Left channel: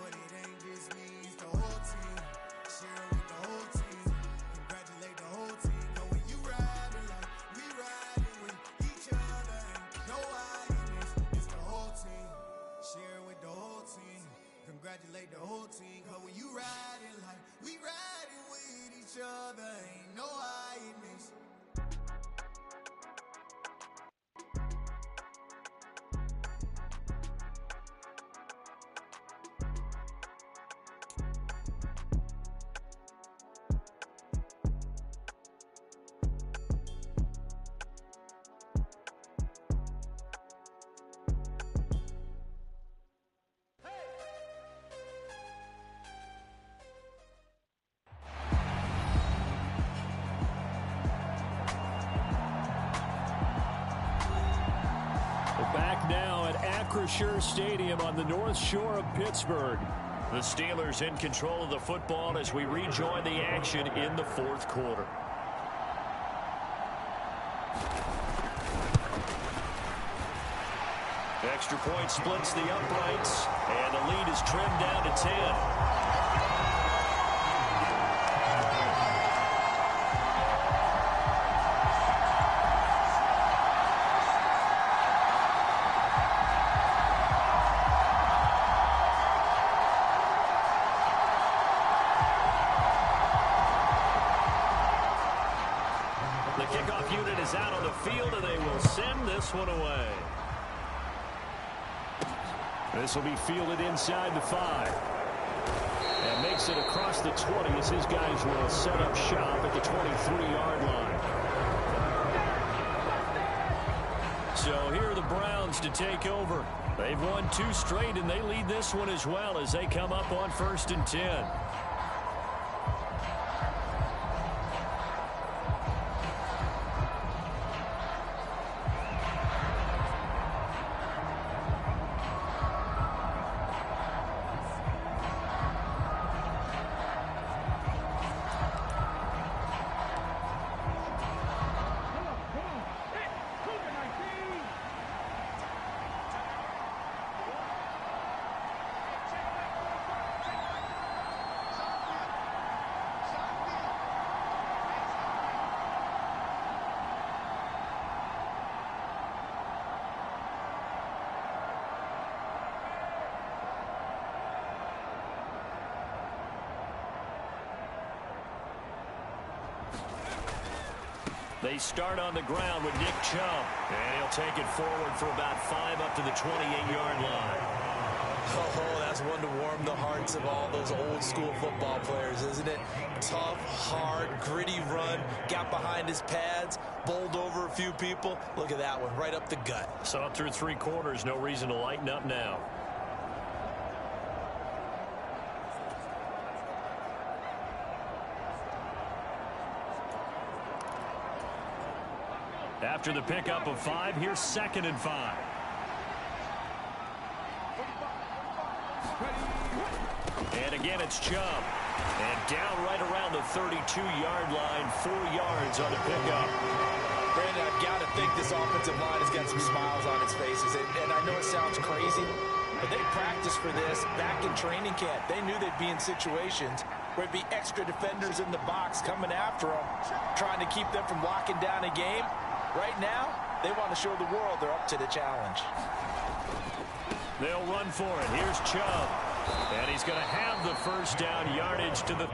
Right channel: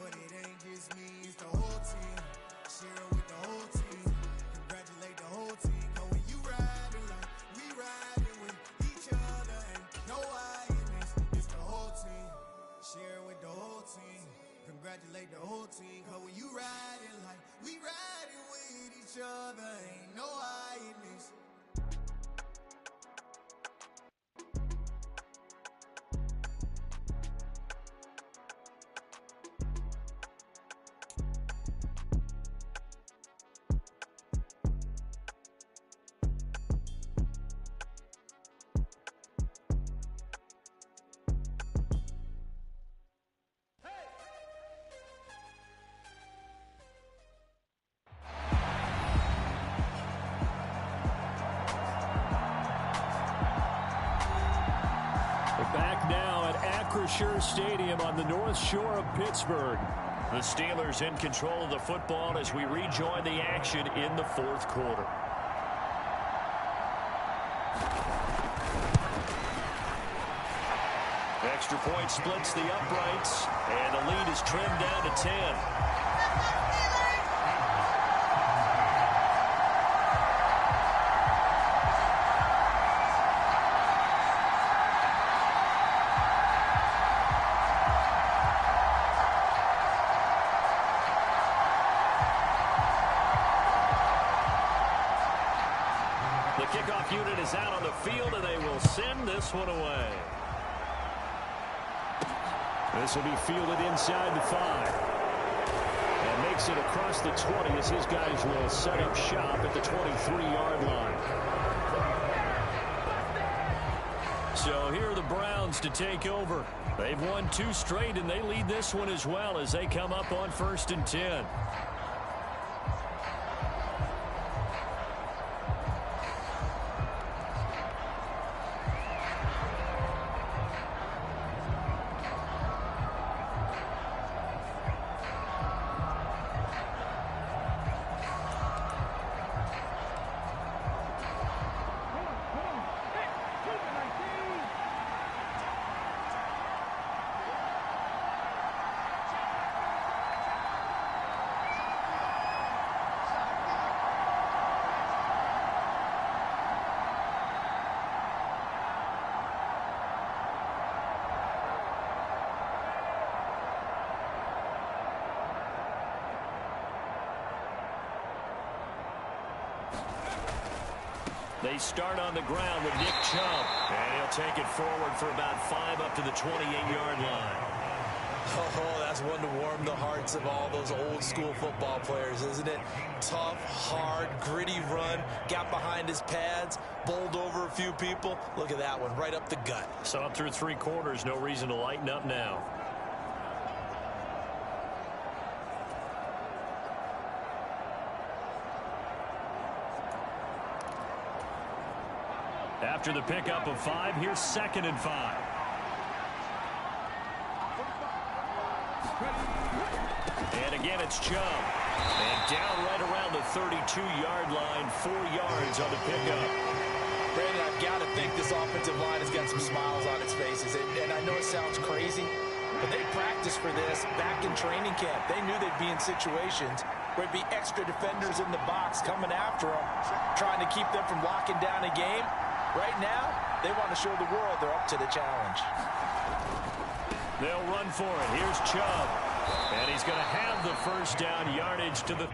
But it ain't just me, it's the whole team. Share it with the whole team. Congratulate the whole team. Cause when you riding like we riding with each other, ain't no I in this. It's the whole team. Share it with the whole team. Congratulate the whole team. Cause when you riding like we riding with each other, ain't no I in this. Back now at Acrisure Stadium on the North Shore of Pittsburgh. The Steelers in control of the football as we rejoin the action in the fourth quarter. Extra point splits the uprights, and the lead is trimmed down to 10. The kickoff unit is out on the field, and they will send this one away. This will be fielded inside the 5. And makes it across the 20 as his guys will set up shop at the 23-yard line. So here are the Browns to take over. They've won 2 straight, and they lead this one as well as they come up on 1st and 10. They start on the ground with Nick Chubb, and he'll take it forward for about 5 up to the 28-yard line. Oh, that's one to warm the hearts of all those old school football players, isn't it? Tough, hard, gritty run, got behind his pads, bowled over a few people. Look at that one, right up the gut. So up through 3 quarters, no reason to lighten up now. After the pickup of 5, here's 2nd and 5. And again, it's Chubb. And down right around the 32-yard line, 4 yards on the pickup. Brandon, I've got to think this offensive line has got some smiles on its faces. And I know it sounds crazy, but they practiced for this back in training camp. They knew they'd be in situations where it'd be extra defenders in the box coming after them, trying to keep them from locking down a game. Right now, they want to show the world they're up to the challenge. They'll run for it. Here's Chubb. And he's going to have the first down yardage to the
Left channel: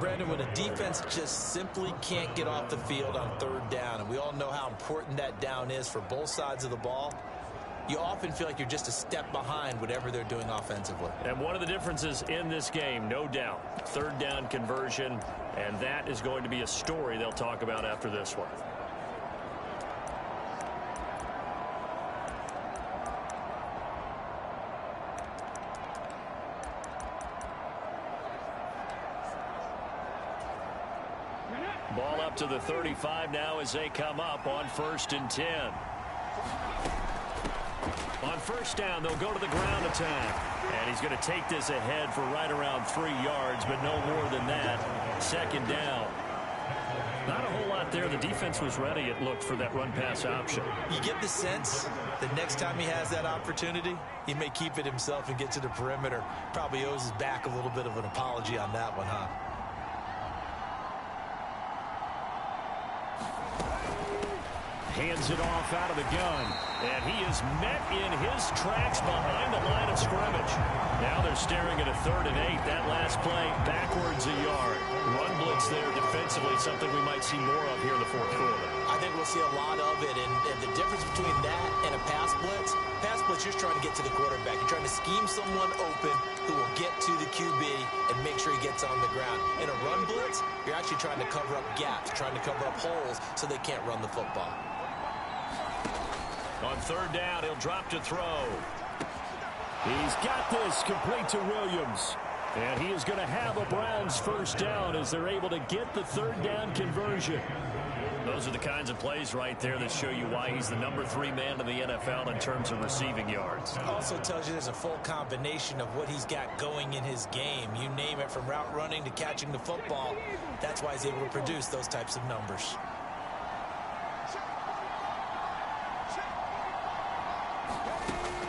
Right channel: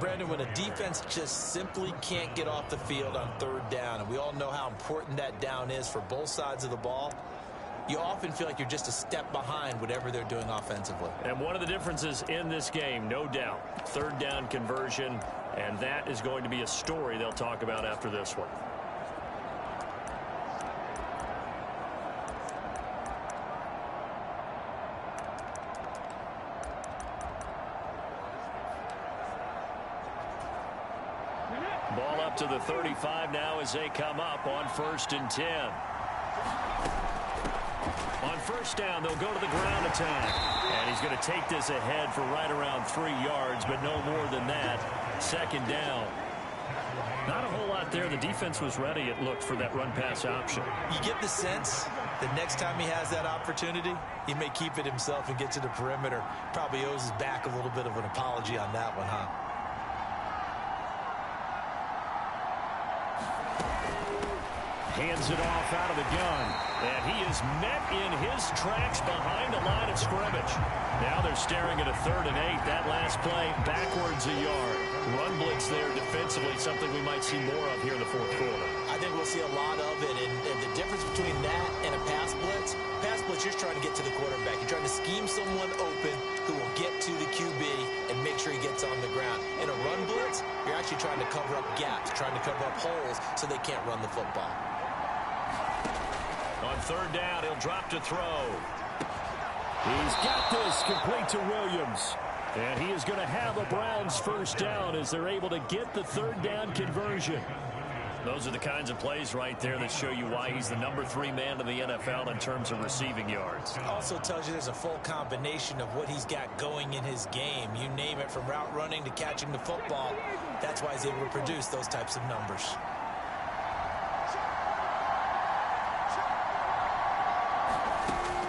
Brandon, when a defense just simply can't get off the field on third down, and we all know how important that down is for both sides of the ball, you often feel like you're just a step behind whatever they're doing offensively. And one of the differences in this game, no doubt, third down conversion, and that is going to be a story they'll talk about after this one. Ball up to the 35 now as they come up on 1st and 10. On first down, they'll go to the ground attack. And he's going to take this ahead for right around 3 yards, but no more than that. 2nd down. Not a whole lot there. The defense was ready, it looked, for that run-pass option. You get the sense that next time he has that opportunity, he may keep it himself and get to the perimeter. Probably owes his back a little bit of an apology on that one, huh? Hands it off out of the gun. And he is met in his tracks behind the line of scrimmage. Now they're staring at a 3rd and 8. That last play, backwards a yard. Run blitz there defensively, something we might see more of here in the 4th quarter. I think we'll see a lot of it. And the difference between that and a pass blitz, you're trying to get to the quarterback. You're trying to scheme someone open who will get to the QB and make sure he gets on the ground. In a run blitz, you're actually trying to cover up gaps, trying to cover up holes so they can't run the football. On 3rd down, he'll drop to throw. He's got this complete to Williams. And he is going to have a Browns 1st down as they're able to get the 3rd down conversion. Those are the kinds of plays right there that show you why he's the number 3 man in the NFL in terms of receiving yards. Also tells you there's a full combination of what he's got going in his game. You name it, from route running to catching the football. That's why he's able to produce those types of numbers.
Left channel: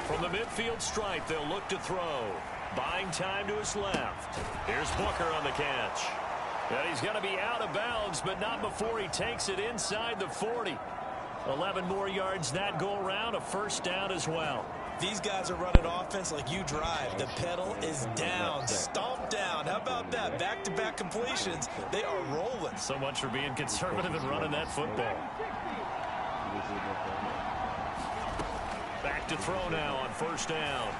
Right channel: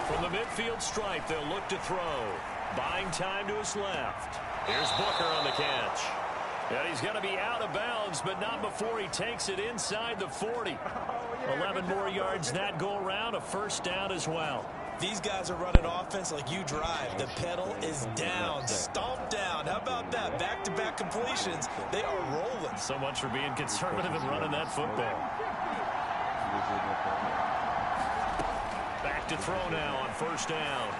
From the midfield stripe, they'll look to throw. Buying time to his left. Here's Booker on the catch. And he's going to be out of bounds, but not before he takes it inside the 40. 11 more yards that go around, a 1st down as well. These guys are running offense like you drive. The pedal is down, stomp down. How about that? Back-to-back completions. They are rolling. So much for being conservative and running that football. Back to throw now on 1st down.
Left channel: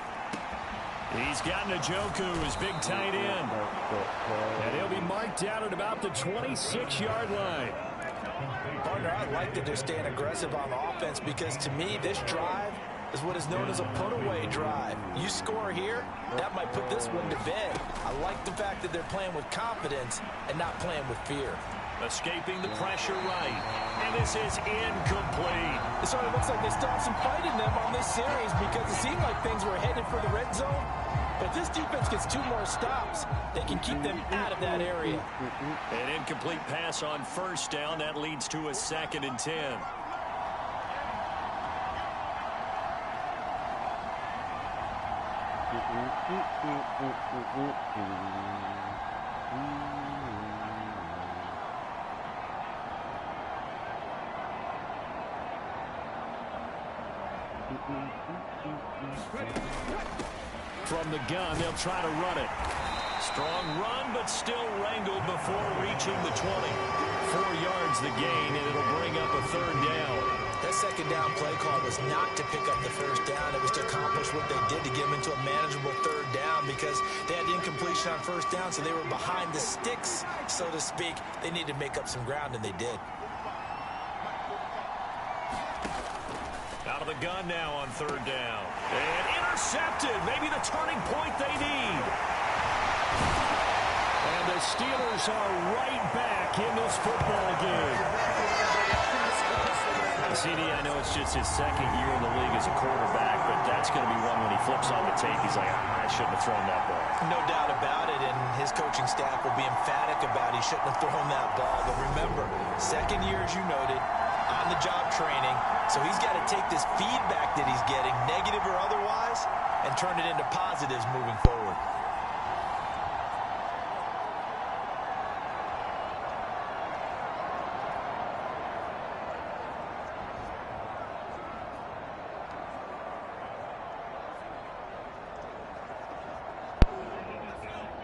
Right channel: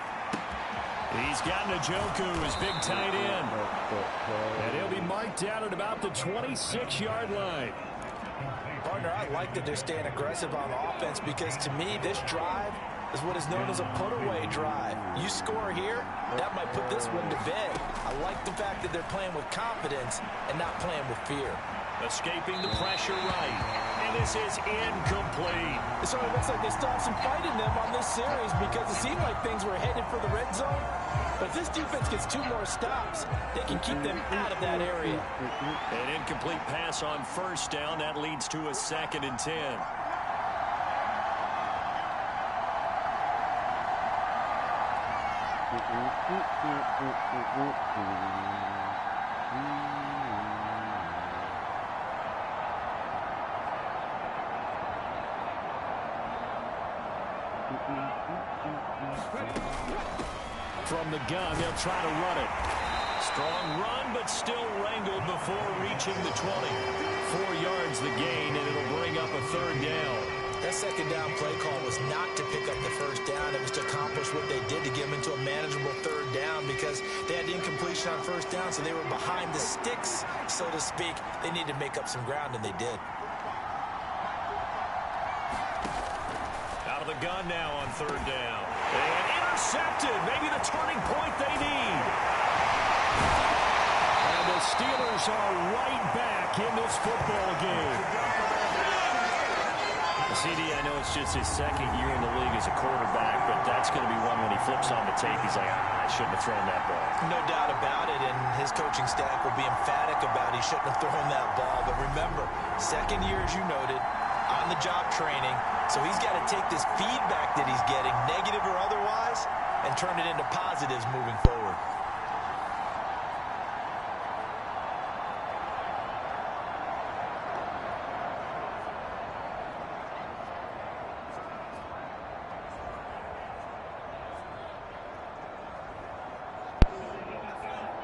He's got Njoku, his big tight end. And he'll be marked down at about the 26-yard line. Partner, I like that they're staying aggressive on offense because, to me, this drive is what is known as a put-away drive. You score here, that might put this one to bed. I like the fact that they're playing with confidence and not playing with fear. Escaping the pressure right. And this is incomplete. It sort of looks like they stopped some fight in them on this series because it seemed like things were headed for the red zone. But if this defense gets 2 more stops, they can keep them out of that area. An incomplete pass on 1st down. That leads to a 2nd and 10. From the gun, they'll try to run it. Strong run, but still wrangled before reaching the 20. 4 yards the gain, and it'll bring up a 3rd down. That 2nd down play call was not to pick up the 1st down. It was to accomplish what they did to get them into a manageable 3rd down because they had incompletion on 1st down, so they were behind the sticks, so to speak. They needed to make up some ground, and they did. Out of the gun now on 3rd down. And intercepted. Maybe the turning point they need. And the Steelers are right back in this football game. CD, I know it's just his 2nd year in the league as a quarterback, but that's going to be one when he flips on the tape, he's like, I shouldn't have thrown that ball. No doubt about it, and his coaching staff will be emphatic about he shouldn't have thrown that ball. But remember, 2nd year, as you noted, on-the-job training, so he's got to take this feedback that he's getting, negative or otherwise, and turn it into positives moving forward.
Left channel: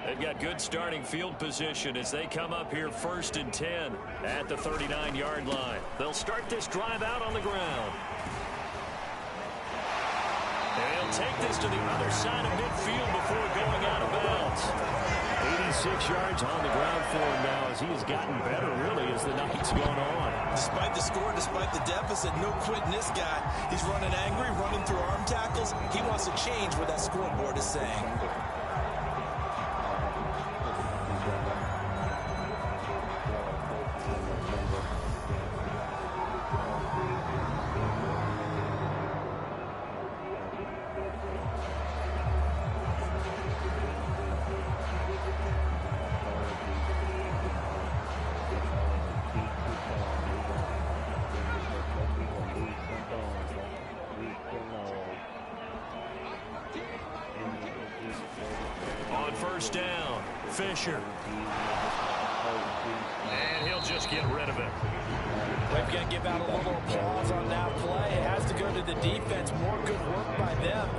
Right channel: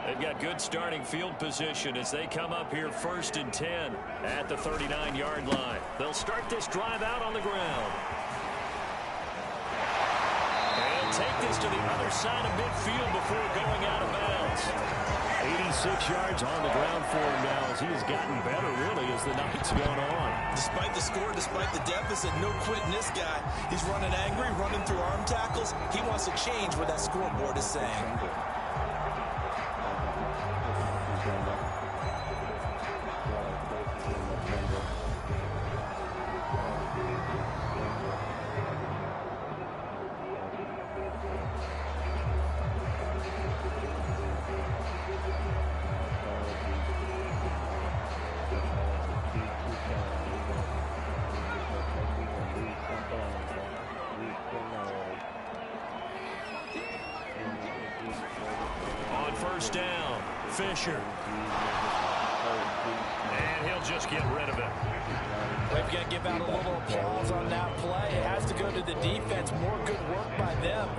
They've got good starting field position as they come up here 1st and 10 at the 39-yard line. They'll start this drive out on the ground. And he'll take this to the other side of midfield before going out of bounds. 86 yards on the ground for him now as he has gotten better, really, as the night's gone on. Despite the score, despite the deficit, no quitting this guy. He's running angry, running through arm tackles. He wants to change what that scoreboard is saying. On 1st down, Fisher. And he'll just get rid of it. We've got to give out a little applause on that play. It has to go to the defense. More good work by them.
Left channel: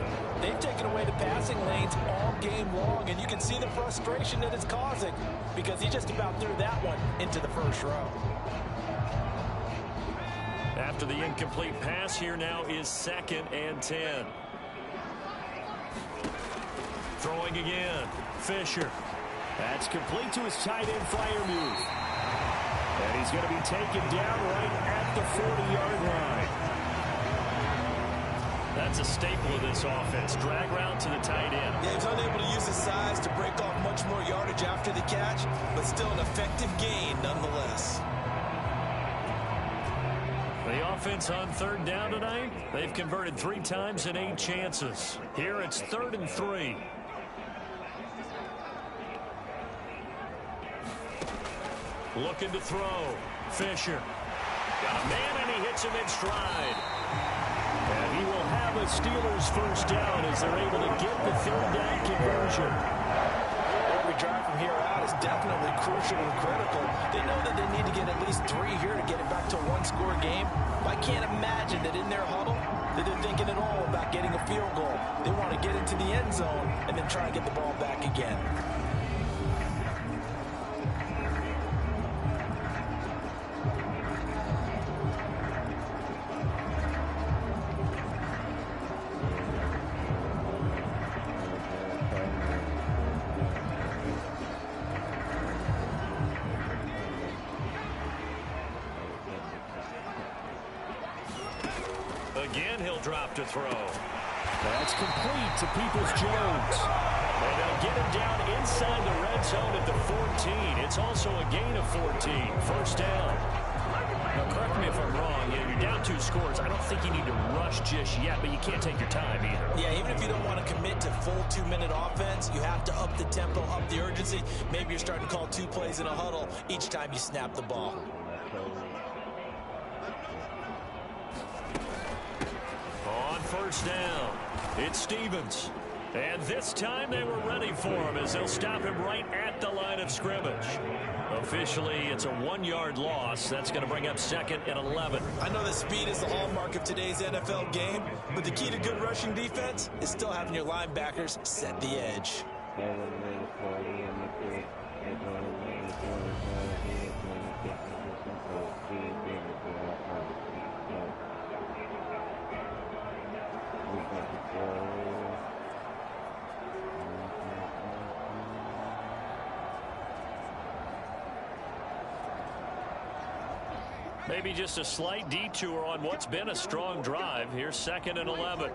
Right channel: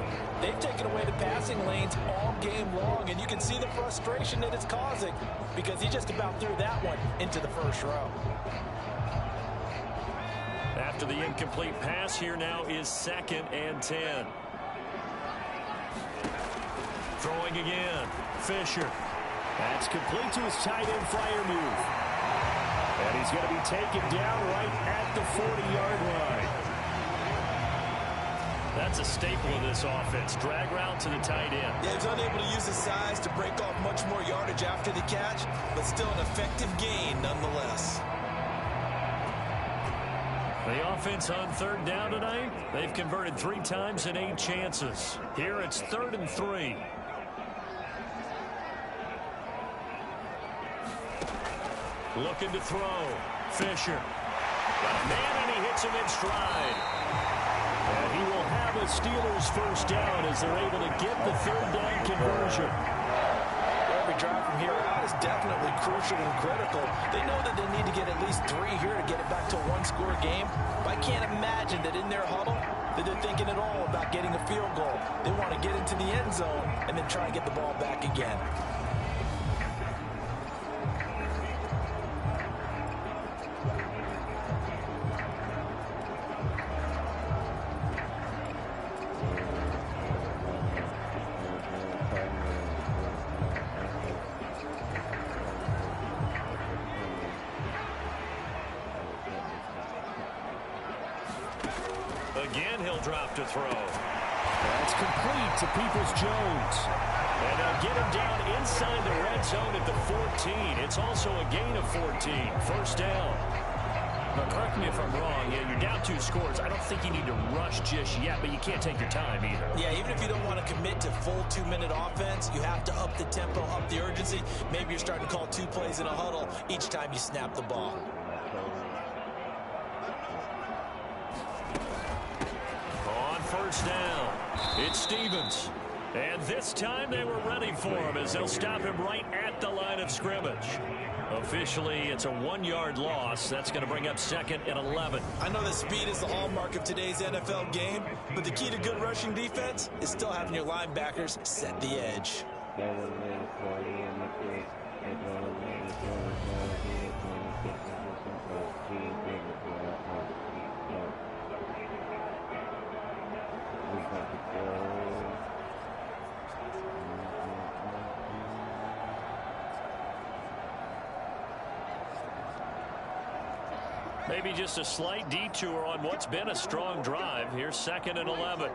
They've taken away the passing lanes all game long, and you can see the frustration that it's causing because he just about threw that one into the first row. After the incomplete pass, here now is 2nd and 10. Throwing again, Fisher. That's complete to his tight end flyer move. And he's going to be taken down right at the 40-yard line. That's a staple of this offense. Drag route to the tight end. Yeah, he's unable to use his size to break off much more yardage after the catch, but still an effective gain nonetheless. The offense on 3rd down tonight, they've converted 3 times in 8 chances. Here it's 3rd and 3. Looking to throw. Fisher. Got a man, and he hits him in stride. And he will have a Steelers 1st down as they're able to get the 3rd down conversion. Every drive from here out is definitely crucial and critical. They know that they need to get at least 3 here to get it back to a 1-score game. But I can't imagine that in their huddle that they're thinking at all about getting a field goal. They want to get into the end zone and then try and get the ball back again. Again, he'll drop to throw. That's complete to Peoples-Jones. And they'll get him down inside the red zone at the 14. It's also a gain of 14. 1st down. Now, correct me if I'm wrong. Yeah, you're down 2 scores. I don't think you need to rush just yet, but you can't take your time either. Yeah, even if you don't want to commit to full 2-minute offense, you have to up the tempo, up the urgency. Maybe you're starting to call 2 plays in a huddle each time you snap the ball. On 1st down, it's Stevens. And this time they were ready for him as they'll stop him right at the line of scrimmage. Officially, it's a 1-yard loss. That's going to bring up 2nd and 11. I know that speed is the hallmark of today's NFL game, but the key to good rushing defense is still having your linebackers set the edge. Maybe just a slight detour on what's been a strong drive. Here's 2nd and 11.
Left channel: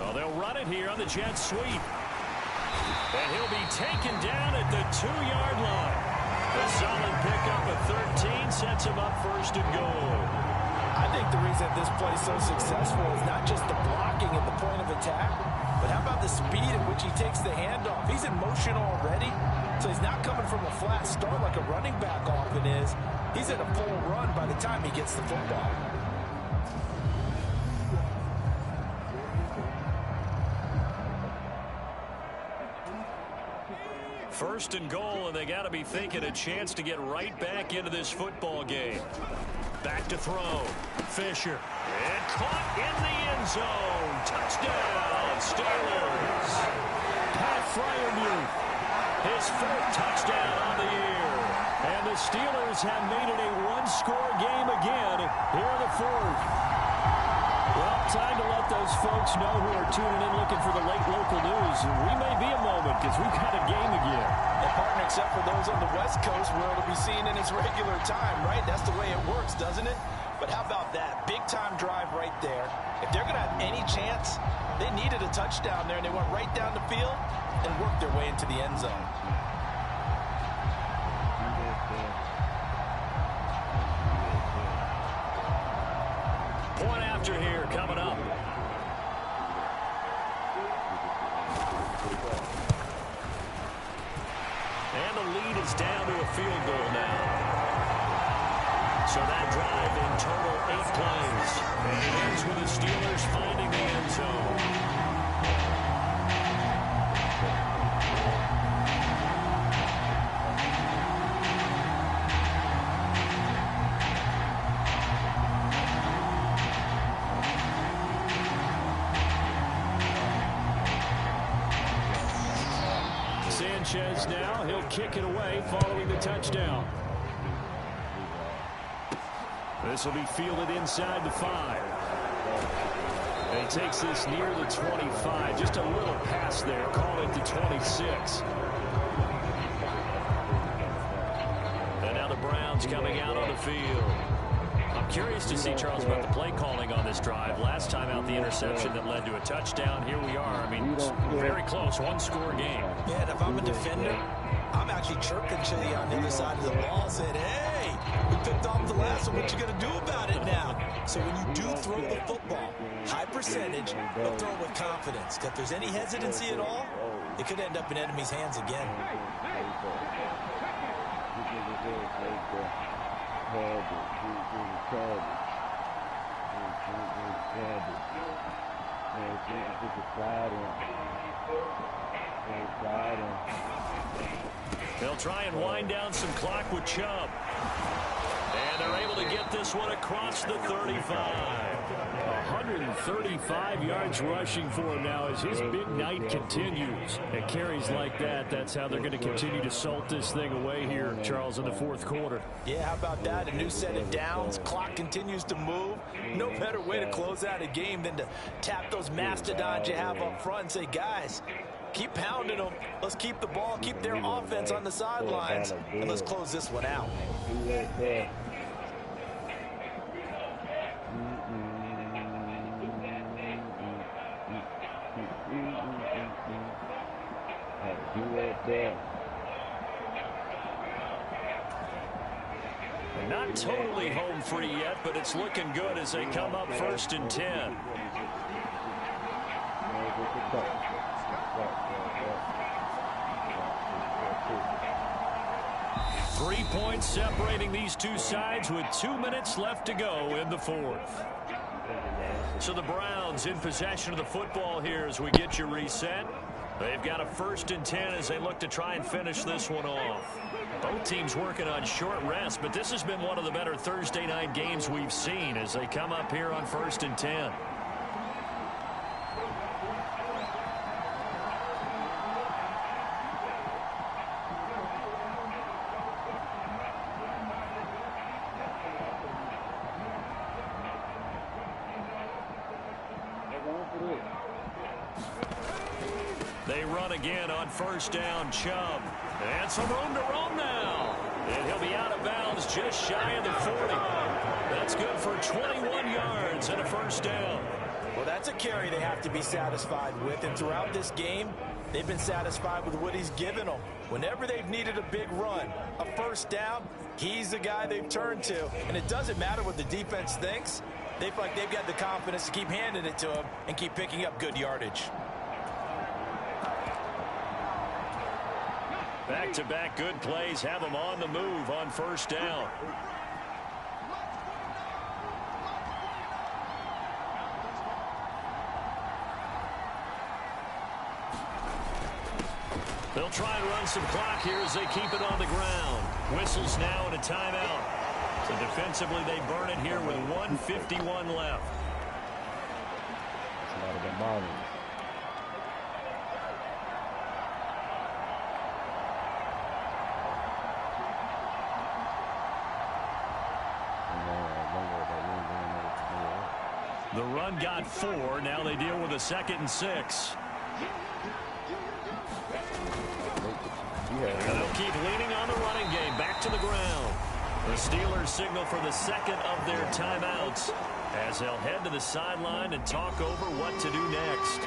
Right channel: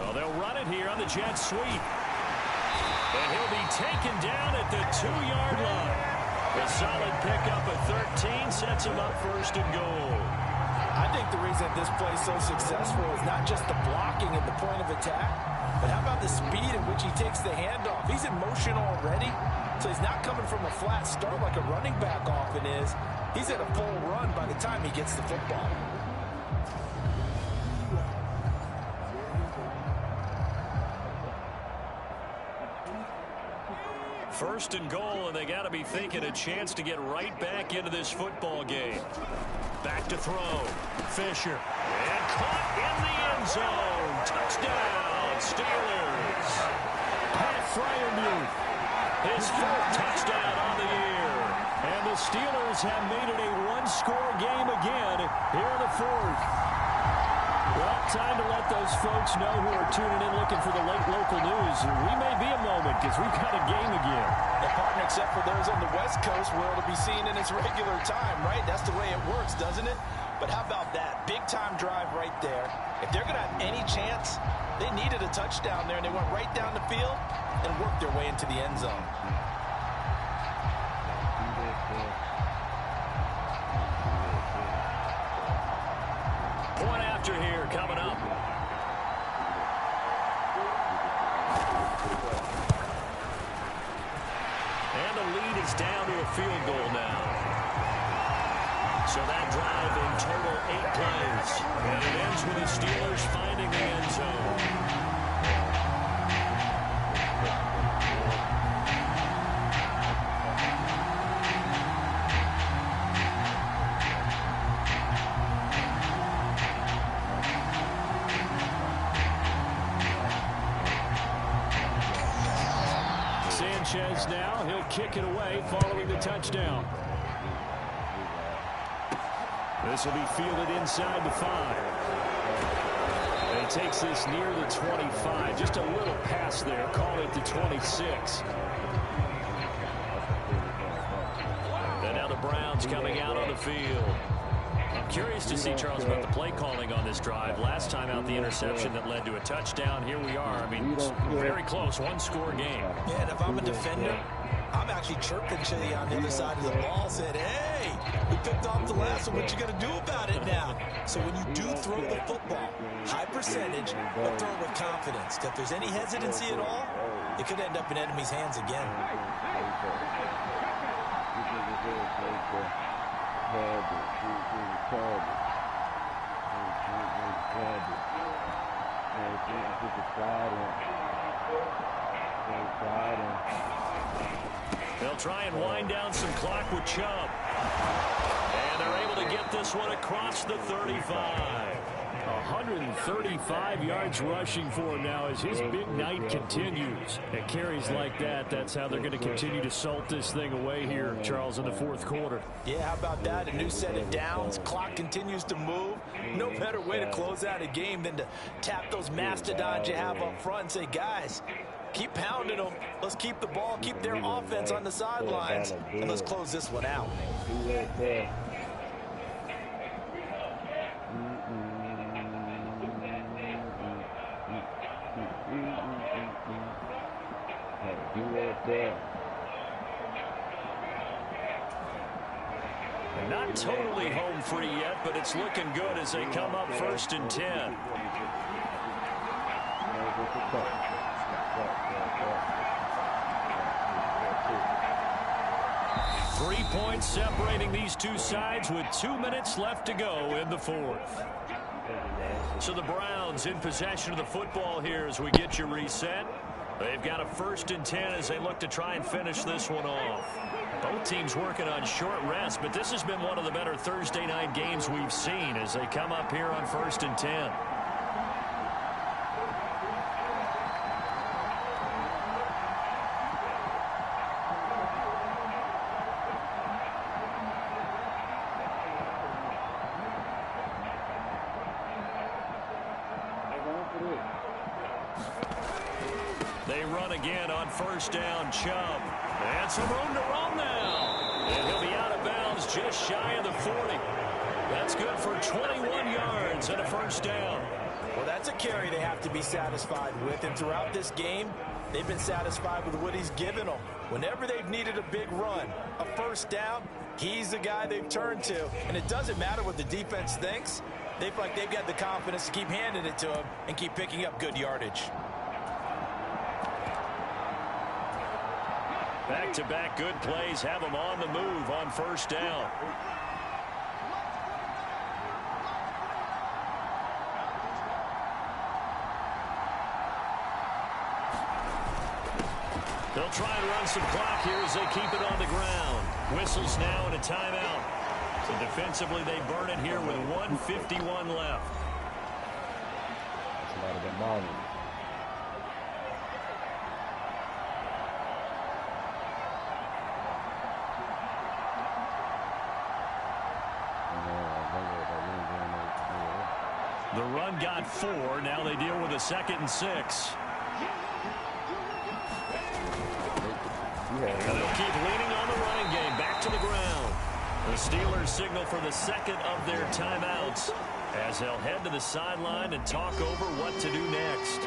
Oh, they'll run it here on the jet sweep. And he'll be taken down at the 2-yard line. A solid pickup of 13 sets him up 1st and goal. I think the reason this play is so successful is not just the blocking at the point of attack, but how about the speed at which he takes the handoff? He's in motion already, so he's not coming from a flat start like a running back often is. He's at a full run by the time he gets the football. First and goal, and they got to be thinking a chance to get right back into this football game. Back to throw. Fisher. And caught in the end zone. Touchdown. Steelers. Pat Freiermuth, his 4th touchdown on the year. And the Steelers have made it a one-score game again here in the 4th. Well, time to let those folks know who are tuning in looking for the late local news. We may be a moment because we've got a game again. And partner, except for those on the West Coast where it'll be seen in its regular time, right? That's the way it works, doesn't it? But how about that? Big-time drive right there. If they're going to have any chance, they needed a touchdown there, and they went right down the field and worked their way into the end zone. Point after here coming up. And the lead is down to a field goal now. So that drive in total 8 plays. And it ends with the Steelers finding the end zone. Sanchez now, he'll kick it away following the touchdown. This will be fielded inside the 5. And he takes this near the 25. Just a little pass there. Call it the 26. And now the Browns coming out on the field. I'm curious to see, Charles, about the play calling on this drive. Last time out, the interception that led to a touchdown. Here we are. I mean, very close. One-score game. Yeah, and if I'm a defender, I'm actually chirping to you on the other side of the ball, saying, hey, we picked off the last one. What you going to do about it now? So when you do throw the football, high percentage, but throw it with confidence. If there's any hesitancy at all, it could end up in enemy's hands again. They'll try and wind down some clock with Chubb. And they're able to get this one across the 35. 135 yards rushing for him now as his big night continues. And carries like that, that's how they're going to continue to salt this thing away here, Charles, in the 4th quarter. Yeah, how about that? A new set of downs. Clock continues to move. No better way to close out a game than to tap those mastodons you have up front and say, guys, keep pounding them. Let's keep the ball, keep their offense on the sidelines, and let's close this one out. Not totally home free yet, but it's looking good as they come up 1st and 10. Three points separating these two sides with 2 minutes left to go in the 4th. So the Browns in possession of the football here as we get you reset. They've got a 1st and 10 as they look to try and finish this one off. Both teams working on short rest, but this has been one of the better Thursday night games we've seen as they come up here on 1st and 10. They run again on 1st down. Chubb. And some room to roam now. And he'll be out of bounds just shy of the 40. That's good for 21 yards and a 1st down. Well, that's a carry they have to be satisfied with. And throughout this game, they've been satisfied with what he's given them. Whenever they've needed a big run, a 1st down, he's the guy they've turned to. And it doesn't matter what the defense thinks. They feel like they've got the confidence to keep handing it to him and keep picking up good yardage. Back-to-back good plays have them on the move on 1st down. They'll try and run some clock here as they keep it on the ground. Whistles now and a timeout. So defensively they burn it here with 1:51 left. That's a lot of them balling. The run got 4. Now they deal with a 2nd and 6. And they'll keep leaning on the running game. Back to the ground. The Steelers signal for the 2nd of their timeouts as they'll head to the sideline and talk over what to do next.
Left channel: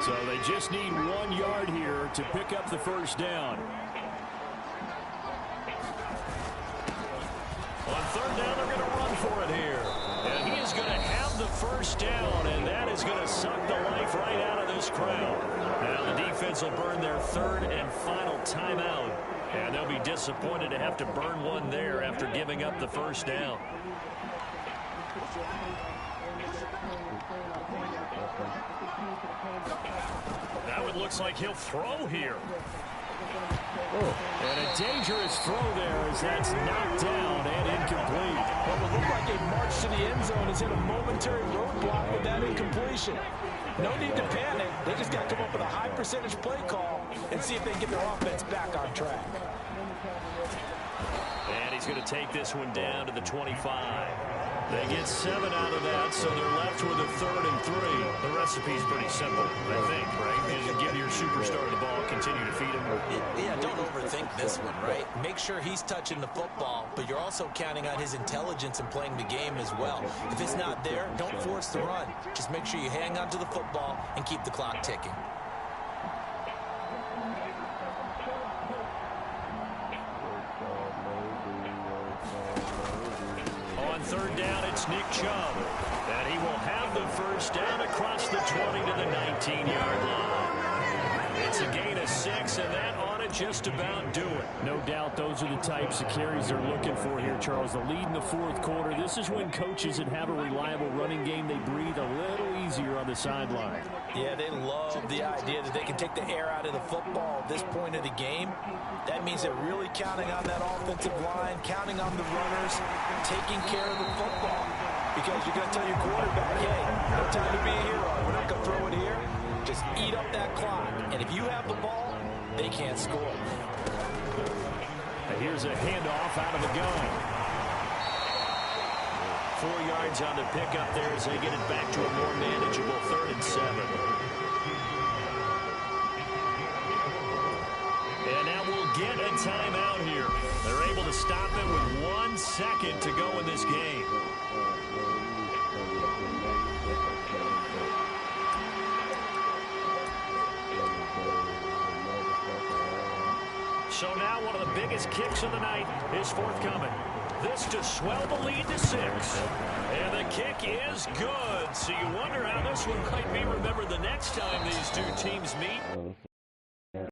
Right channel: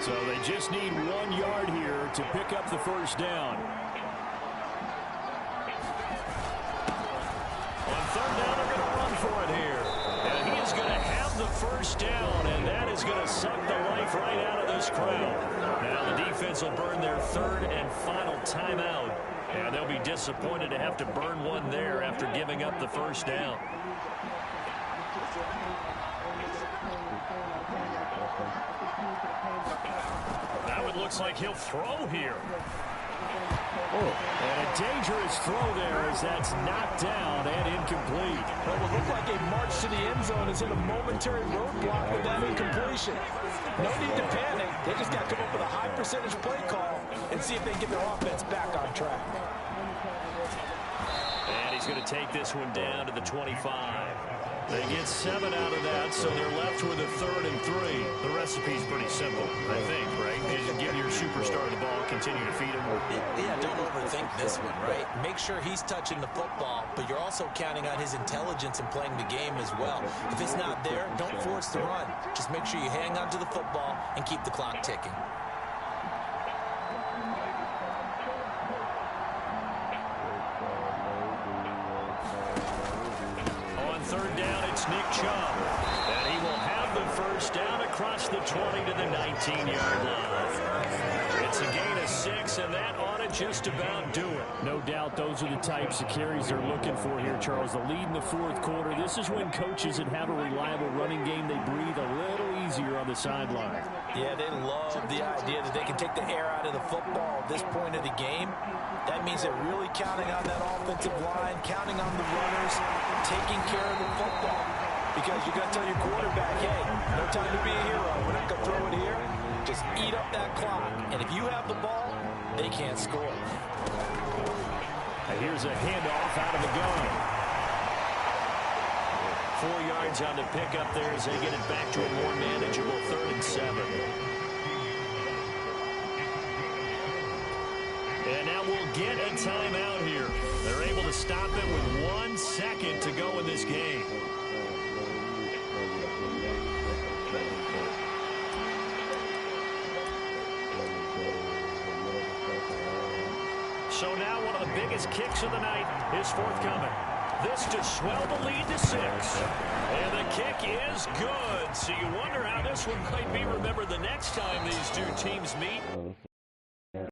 So they just need 1 yard here to pick up the first down. On 3rd down, they're going to run for it here. And he is going to have the first down, and that is going to suck the life right out of this crowd. Now the defense will burn their 3rd and final timeout, and they'll be disappointed to have to burn one there after giving up the first down. Now it looks like he'll throw here. And a dangerous throw there as that's knocked down and incomplete. What would look like a march to the end zone is hit a momentary roadblock with that incompletion. No need to panic. They just got to come up with a high percentage play call and see if they can get their offense back on track. And he's going to take this one down to the 25. They get 7 out of that, so they're left with a 3rd and 3. The recipe's pretty simple, I think, right? You just give your superstar the ball, continue to feed him. Yeah, don't overthink this one, right? Make sure he's touching the football, but you're also counting on his intelligence in playing the game as well. If it's not there, don't force the run. Just make sure you hang on to the football and keep the clock ticking. On 3rd down, it's Nick Chubb. And he will have the first down across the 20 to the 19-yard line. It's a gain of 6, and that ought to just about do it. No doubt those are the types of carries they're looking for here, Charles. The lead in the 4th quarter. This is when coaches that have a reliable running game, they breathe a little easier on the sideline. Yeah, they love the idea that they can take the air out of the football at this point of the game. That means they're really counting on that offensive line, counting on the runners, taking care of the football. Because you're going to tell your quarterback, hey, no time to be a hero. We're not going to throw it here. Just eat up that clock. And if you have the ball, they can't score. Here's a handoff out of the gun. 4 yards on the pickup there as they get it back to a more manageable 3rd and 7. And now we'll get a timeout here. They're able to stop it with 1 second to go in this game. So now one of the biggest kicks of the night is forthcoming. This to swell the lead to 6. And the kick is good. So you wonder how this one might be remembered the next time these two teams meet.